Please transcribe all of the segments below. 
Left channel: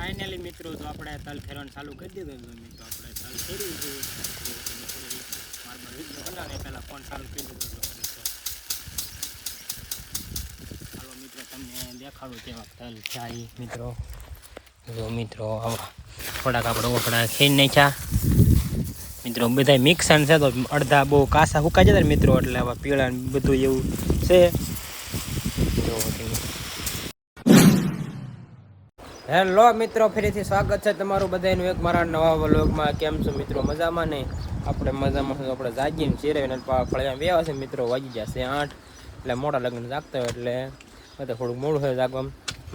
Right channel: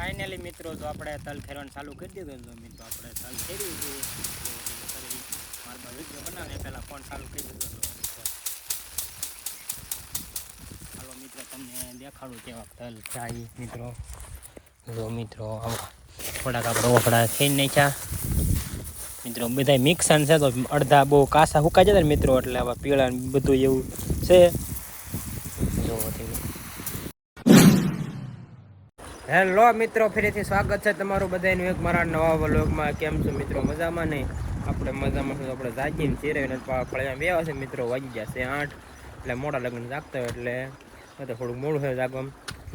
Finally મિત્રો જો આપણે તલ ખેરવાનું ચાલુ કરી દીધું તો મિત્રો આપણે તલ ખેર્યું છે. મારા બાજુ વિડીયો બનાવે પહેલાં ફોન ચાલુ કરી દીધો. ચાલો મિત્રો તમને દેખાડું કેવા તલ થાય મિત્રો. જો મિત્રો થોડાક આપણે ઓફડા ખેરી નાખ્યા મિત્રો. બધા મિક્સન છે તો અડધા બહુ કાસા હુકાઈ જતા ને મિત્રો, એટલે આવા પીળા બધું એવું છે. જો હેલો મિત્રો, ફરીથી સ્વાગત છે તમારું બધાનું એક મારા નવા વ્લોગમાં. કેમ છો મિત્રો? મજામાં નહીં? આપણે મજામાં આપણે જાગીને ચીરાવીને ફળિયા બેવા છે મિત્રો. વાગી ગયા છે 8, એટલે મોડા લગ્ન જાગતા હોય એટલે થોડુંક મોડું છે જાગવા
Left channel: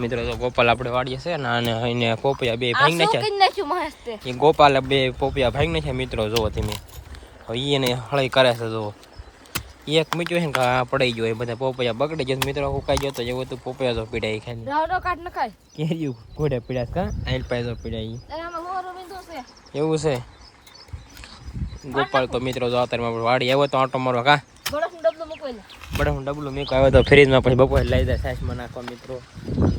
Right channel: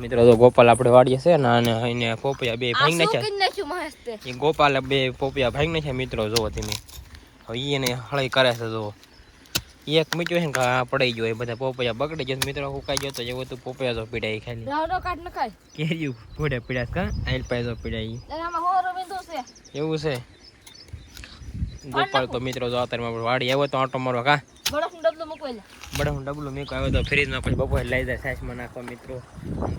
મિત્રો. તો ગોપાલ આપણે વાડીએ છે ને, અને એને પોપિયા બે ભાઈ નાખ્યા. એ ગોપાલે બે પોપિયા ભાઈ નાખ્યા મિત્રો. જોવો તમે હવે એને હળી કરે છે. જો એક મીઠું છે ને પડી ગયો, એ બધા પોપૈયા બગડી જાય મિત્રો. સુકાઈ ગયો તો એવું તો પોપૈયા તો પીડાય ખાલી કેર્યું ઘોડે પીડા કા આઈલ પાય તો પીડાય એવું છે. ગોપાલ તો મિત્રો જો અત્યારે વાડી આવ્યો તો આટો મારવા કા બડે ડબલું મેં આવ્યો તો ફ્રીજમાં, પછી બપોરે લઈ જાય સાસમાં નાખવા મિત્રો.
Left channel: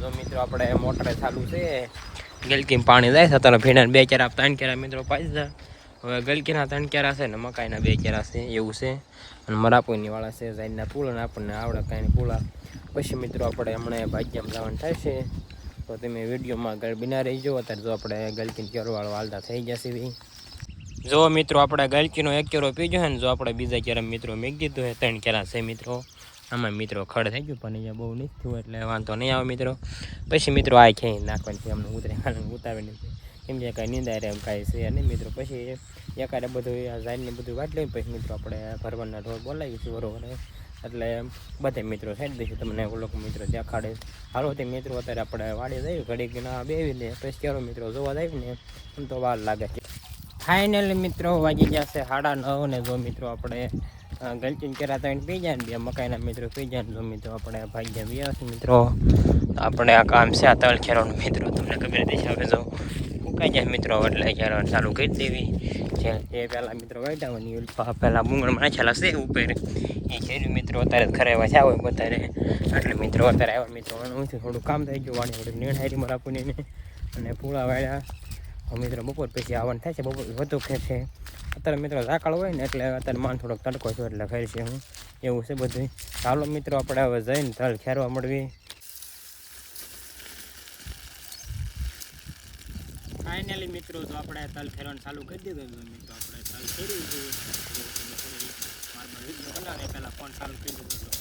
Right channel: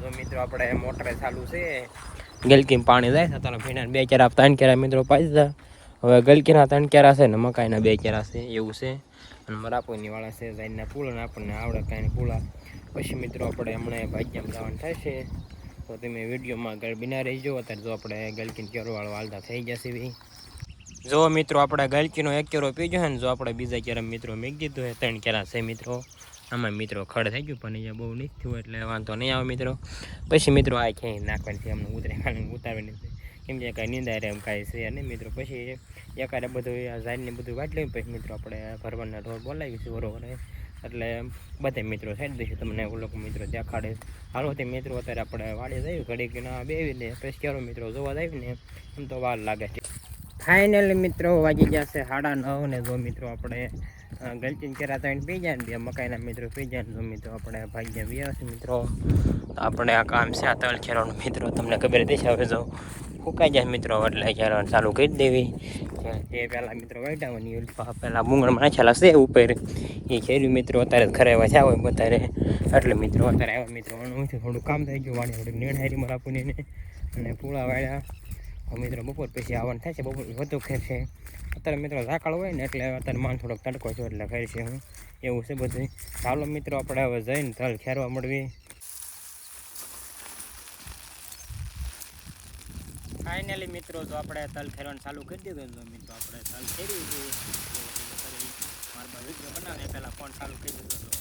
જો મિત્રો આપણે મોટરે ચાલુ છે, ગલકીમાં પાણી જાય છે અત્યારે. ભીણા 2 કેરા 3 કેરા મિત્રો પાઈ દીધા. હવે ગલકીના 3 કેરા છે ને મકાઈના 2 કેરા છે એવું છે. અને મરાપુરની વાળા છે જાઈના પૂળા ને આપણને આવડે કાંઈ પૂળા. પછી મિત્રો આપણે હમણાં ભાગ્યમાં જવાનું થાય છે, તો તમે વિડીયોમાં આગળ બિના રહીજો. અત્યારે જો આપણે ગલકીનો કેરોવાળો હાલતા થઈ જશે ભાઈ. જો મિત્રો આપણે ગલકીનો 1 કેરો પીજો છે ને, જો આપણે બીજા કેરા મિત્રો મેક દીધું છે 3 કેરા છે મિત્રો. આમાં મિત્રો ખડ થઈ ગયું, પણ અહીંયા બહુ નથી થયું એટલે વાંધો નહીં આવે મિત્રો. પછી મિત્રો આ ખેઈ નાખવાની છે, અમને ઉતારવાની છે, કેમ કે કાંઈ નિંદાય રહે એમ કાંઈ છે નહીં મિત્રો. પછી એકારે બધું ઝાડને બધું વાટી લઈને પછી મિત્રો આપણે ભરવાના ઢોર બોલાવીશું બરોબર. એટલે બધા મિત્રો સાઈડ દઈશું તમને લોકો મિત્રો દેખાડે. હાલો તે મિત્રો અત્યારે આપણે વાડી જઈએ, ઘડીક ના બેવીને પછી ચાલો મિત્રો જોવા જઈએ ને એમ તો વાર લાગે છે. ફાઇનલી મિત્રો વાગી ગયા છે 9:30 ને જો મિત્રો આપણે ગલચીન કેરા 3 પી જાય ને 2 મકાઈના મિત્રો પી જાય ને જો મિત્રો આપણે ભાગ્યા વ્યા છે મિત્રો. તો આપણે આ કામ છે આ તળ ખેરવાનું મિત્રો, તમને ખબર દેશે. હવે જો ફૂકાઈ જાય મિત્રો એટલે ખેરવાનું ચાલુ કરી દેવી છે. તે પહેલાં મિત્રો વાટાવાની પહેલાં મૂંગળમાં નાખેલા છે ઉપર, એ ખેર્યું મિત્રો. અત્યારે ઘરે વચ્યા હોય અત્યારે, એટલે મિત્રો અત્યારે આવ્યા મિત્રો. થોડું કામ થઈ ગયું વાણી, થોડીક નેણ મરાપુને અને પૂળા વાળ્યા મિત્રો. બપોર પછી આવવાનું થાય છે, બપોર વધુ ખેર છે. અત્યારે મિત્રો ઝાકળ હોય ને એટલે અત્યારે માન થોડોક તડકો છે એટલે ખેર છે હું એવું છે બધું. ચાલો મિત્રો આપણે હવે જઈને તલ ખેરવા મળવી. ફાઇનલી મિત્રો જો આપણે તલ ખેરવાનું ચાલુ કરી દીધું તો મિત્રો આપણે તલ ખેર્યું છે. મારા બાજુ વિડીયો બનાવે પહેલાં ફોન ચાલુ કરી દીધું.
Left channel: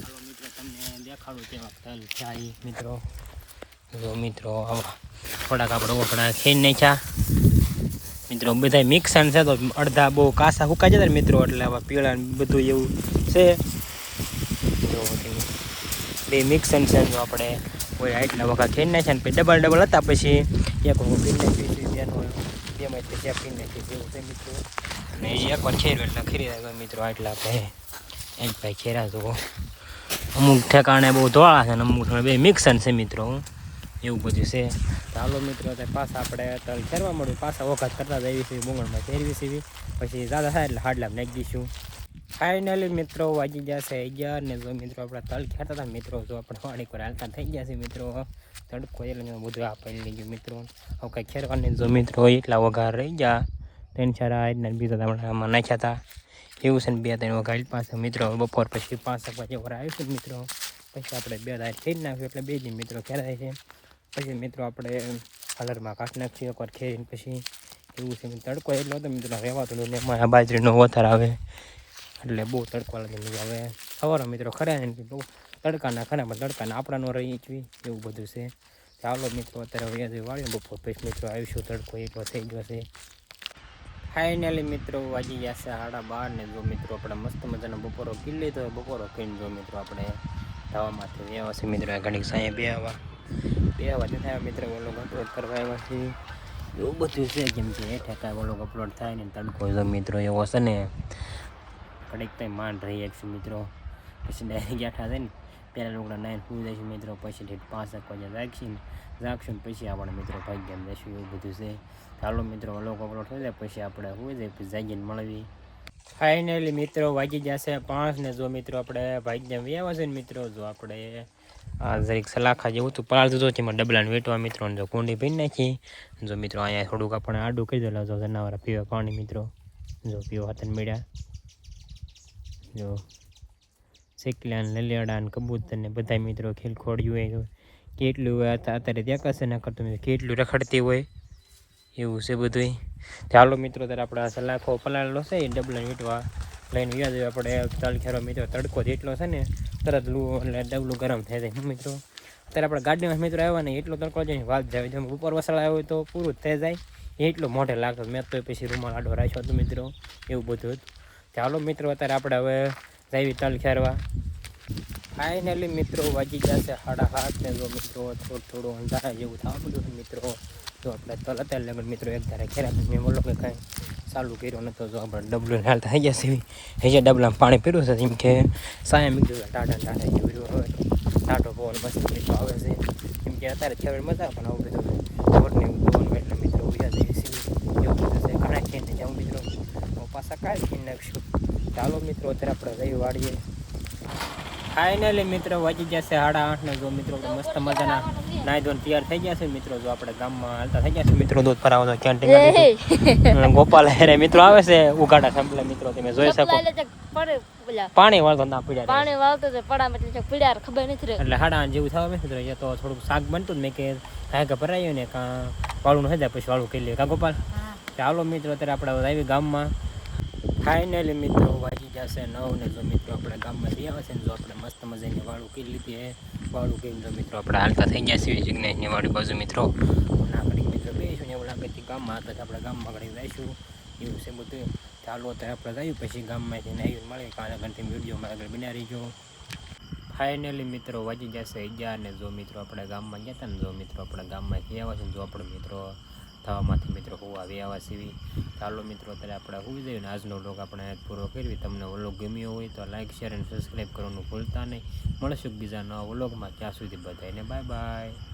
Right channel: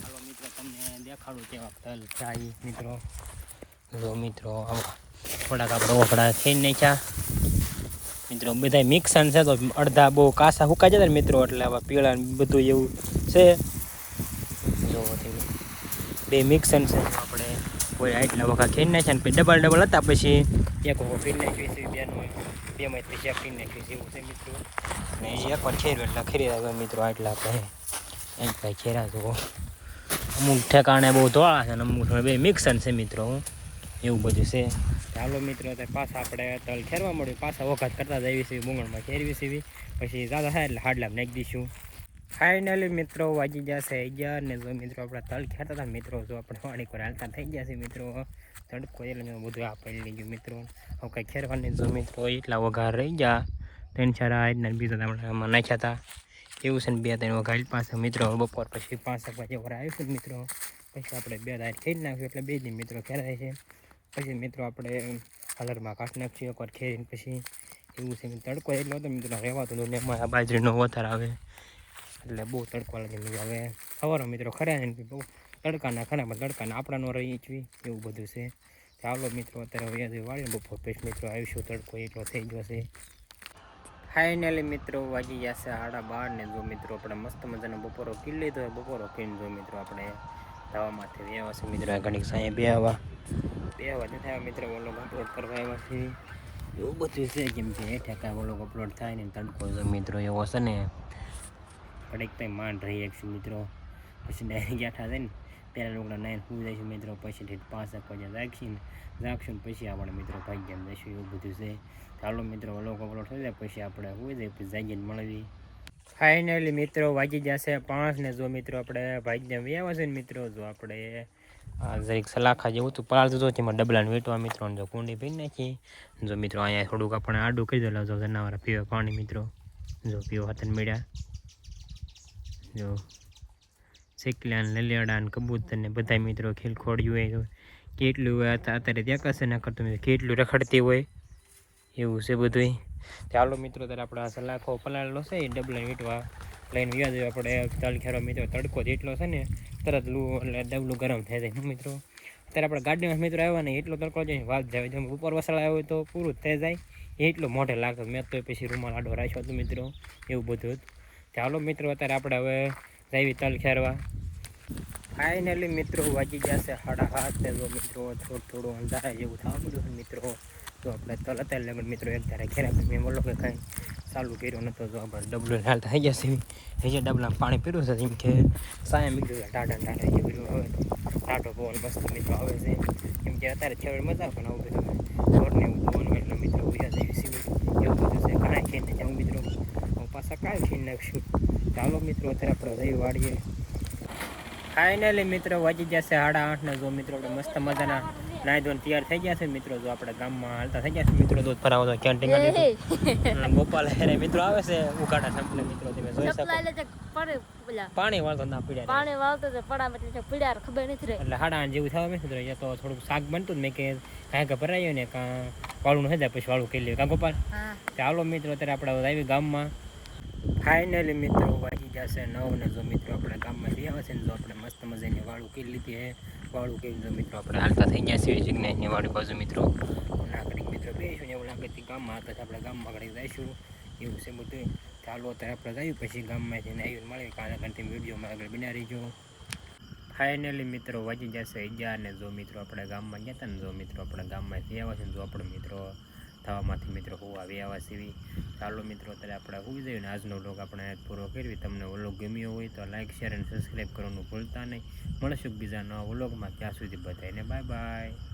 ચાલો મિત્રો તમને દેખાડું કેવા તલ થાય મિત્રો. જો મિત્રો થોડાક આપણે ઓફડા ખેરી નાખ્યા મિત્રો. બધા મિક્સન છે તો અડધા બહુ કાસા સુકાઈ જતા ને મિત્રો, એટલે આવા પીળા બધું એવું છે. જો તમે બે મિક્સન છે તો આપણે કોઈ આટલા વખત ખેરી નાખ્યા ને ડબલ હતા. પછી એક વખત ફીરી નાખી બેમાંથી ચેક ફીરી નાખી એવું છે મિત્રો. અને એ એકવાર ખેર્યું એટલે ખેરી આવ્યા મિત્રો. આટલા આપણે એક ભાઈ ખેરા તો અમુક ઠેકાણે બહુ ધોળા છે ને અમુક બે મિક્સન છે મિત્રો એવું બધું છે. ચાલો મિત્રો અત્યારે પાછા આપણે તલ ખેરવા મળ્યું, પાછા વખત કરતા જઈએ છીએ મૂંગળમાં ખેરવી છીએ. પછી દાદા થાય એટલે હાડલામાં નાખી દઈશું. ફાઇનલી મિત્રો વાગી જશે 11 ને જો મિત્રો આપણે તલ ખેરતા હતા મિત્રો. જો આપણે વાણી પર હાલતા થઈ ગયા છે મિત્રો. તડકો એટલે બધું આપી લીધું મિત્રો. હવે કંઈ ખેરવાની જો મિત્રો એટલા વઘાર રહી ગયા 3-4 આજના બીજા આપણે આમાં નાખ્યા હતા એવું છે ને. 2-3 વઘાર પાસે મિત્રો બપોર પછી 5 વાગે વાર આવીશું મિત્રો. પછી આપણે 2 દાળ ખેરી નાખ્યું એટલે 2 દિન મિત્રો ખેરાય છે. પછી મિત્રો આપણે કલરમાં કાઢી નાખીએ એકવાર ખેરીને પછી એવું છે. તડકો એટલો હતો મિત્રો રહેવાતું ને એમાં બાજરીનો વથાર આવે એટલે બહુ તડકો લાગે. હવે સવારે મિત્રો ખરા ને બહુ તડકાના ખરામાં તડકાના આપણાનો રહી છીએ એવું બધું છે. ચાલો મિત્રો અત્યારે વ્યાજ વાળીએ બપોર પછી મિત્રો આવીશું. તડકો એટલો થઈ ગયો છે. ફાઇનલી મિત્રો વાગી ગયા છે 12:30 ને જો મિત્રો આપણે મસ્ત મજાનો બપોરો કરી લીધો. બપોરો કરીને જો મિત્રો આપણે ધાવામાંથી વ્યાવા છે મિત્રો. ઘડીક સાંજે બે વાગે થાય મિત્રો. વ્લોગ અપલોડ કરવા આવ્યા છે એવું બધું છે. કેમ કે હેઠે કાંઈ વ્લોગ અપલોડ થાય ને તડકો જો મિત્રો એવો છે ને ઘડીક કંઈ માંડ રહી છે મિત્રો. પછી ડાયરેક્ટ ગાંઠા થાય ને પહેલાં લોકો 9 સુઈ જાય છે મિત્રો. પછી 5 વાગે જાગશું પછી આપણે મિત્રો ભાગ્યમાં જઈશું એવું બધું છે. ચાલો મિત્રો વ્લોગ અપલોડ થઈ જાય પછી આપણે સુઈ જાય પછી જાગીને મળવી. ફાઇનલી મિત્રો વાગી જશે 5 ને જો મિત્રો આપણે ભાગ્યમાં આવ્યા છે ને મિત્રો. જો આપણે આ જરીક સલાખા જેવું હતું પલાળ દીધું તેમાં ડબલાને વેટવા મિત્રો જો કુંડી ભરી નાખી જો મિત્રો અહીંયા થોડુંક આપણે આડું કરી દેલા જો જનાવર પીવા પાણી મિત્રો જો પીવા હાથને મળ્યા જો શેકલ્યા ને લેલિયાડા ને કબૂતર ને બધા મિત્રો ખીલ ખોડ્યું હોય કેટલું હોય અત્યારે ત્યાં કશે ના કરતું કેટલું રખડતી હોય એવું છે બધું ચાલો મિત્રો ત્યારે આપણે સલાખો પલાળેલો છે એ ડબલા વીટવા લઈને વ્યાજ આપણે તલ ખેરો મિત્રો તડકો જેટલો છે ને તરત લૂ એટલે ડબલું ગરમ થઈ જાય મિત્રો અત્યારે આપણે ગાડીમાં મિત્રો આવ્યા ને એટલો તડકો જાય વાત જાય જેમ ઉપર વસળા આવ્યો હોય તો પૂરું થઈ જાય એટલો મોઢે લાગતો મેં તો પછી રૂમાલ આડો રાખ્યો હતો મિત્રો એવું બધું ચાલો મિત્રો અત્યારે આપણે હવે જઈએ તલ ખેરવા ફાઇનલી મિત્રો વાગી જશે 7:30 ને જો મિત્રો થોડું અંધારા જેવું થવા બધું મિત્રો તો આપણે તલ અત્યારે લગન મિત્રો એક ધારે ખેરા પછી મેં બોલો કે કાંઈ ચાલુ કર્યો નતો જો આપણે ડબલું હાલ થઈ જશે હજી ડબલામાં પાણી પીરું છે એમ કે સાયા મિત્રો ટાટા જેવું હવે ટાટો પવન મસ્ત મિત્રો આવે છે કેમ કે અત્યારે છેવડે મજા પણ આવું બધું રોડ ને એવું જોવાનું એટલે મિત્રો ઉજા જેવી સીવી એવું બધું છે ઘણા ખેઈને જાઉં મિત્રો પાછા કાંઈ ખેઈ નાખશું ચાલો મિત્રો અત્યારે આપણે જઈ વાળીએ ફાઇનલી મિત્રો વાગી જશે 8:30 ને જો મિત્રો આપણે મસ્ત મજાના નાઈ ધોઈને તૈયાર થઈ ગયા છે મિત્રો જો આપણે ગામમાં હાલતા થઈ ગયા છે મિત્રો દૂધ ભરાવો તો ક્યાં ટીંગા ગોપાલ હેરે મિત્રો આવે છે ઉગાડા સંપલા મિત્રો તમે જોઈ શકો પાણી વાળતો ના પીડ્યા પાણી વાળતો તો પડા એટલે પીડ્યા ખબર નથી રહી એટલે 8:30 જેવું થવા મિત્રો એ તો થોડુંક શાક બનતું મેં કે કાંઈ કે ભરાયું ને કાં વાળું ન જાય પછી વાળું કરી લે કાં ગોપાલ ચાલો મિત્રો અત્યારે આપણે આવી ગામમાં ફાઇનલી મિત્રો વાગી જશે 9 ને જો મિત્રો આપણે ગામમાં જઈ આવે છે ને જો આપણે મસ્ત મજાની વાળું કરી લીધી હે વાળું કરી જો મિત્રો આપણે હાલતા થઈ ગયા છીએ જિગ્નેશની વાળી બાજુ મિત્રો ના ઘડીક મિત્રો બેસીશું ને એવું લાગે છે ગામમાં હતા આપણે ગામમાં ઘડી જઈશું એવું છે બધું ચાલો અત્યારે આપણે જઈએ પછી ગામમાંથી આવીને મળે કાલે ઘંટી વિડીયોમાં આગળ બના રહીજો ફાઇનલી મિત્રો વાગી જશે 11 ને જો મિત્રો આપણે ગામમાં ગયા હતા ને જો મિત્રો આપણે ગામમાંથી આવ્યા છે ને જો આપણે મિત્રો થવામાંથી મિત્રો હું આવી આવા સીવી ચાલો મિત્રો અત્યારે આપણે હોઈ જઈએ ને આજનો વ્લોગ આપણે પૂરો કરવી તમને વ્લોગ ગમ્યો હોય તો લાઈક શેર અને સબસ્ક્રાઈબ કરવાનું ભૂલતા નહીં મળશું બીજા નવા વ્લોગમાં ત્યાં સુધી બધાને બાય બાય.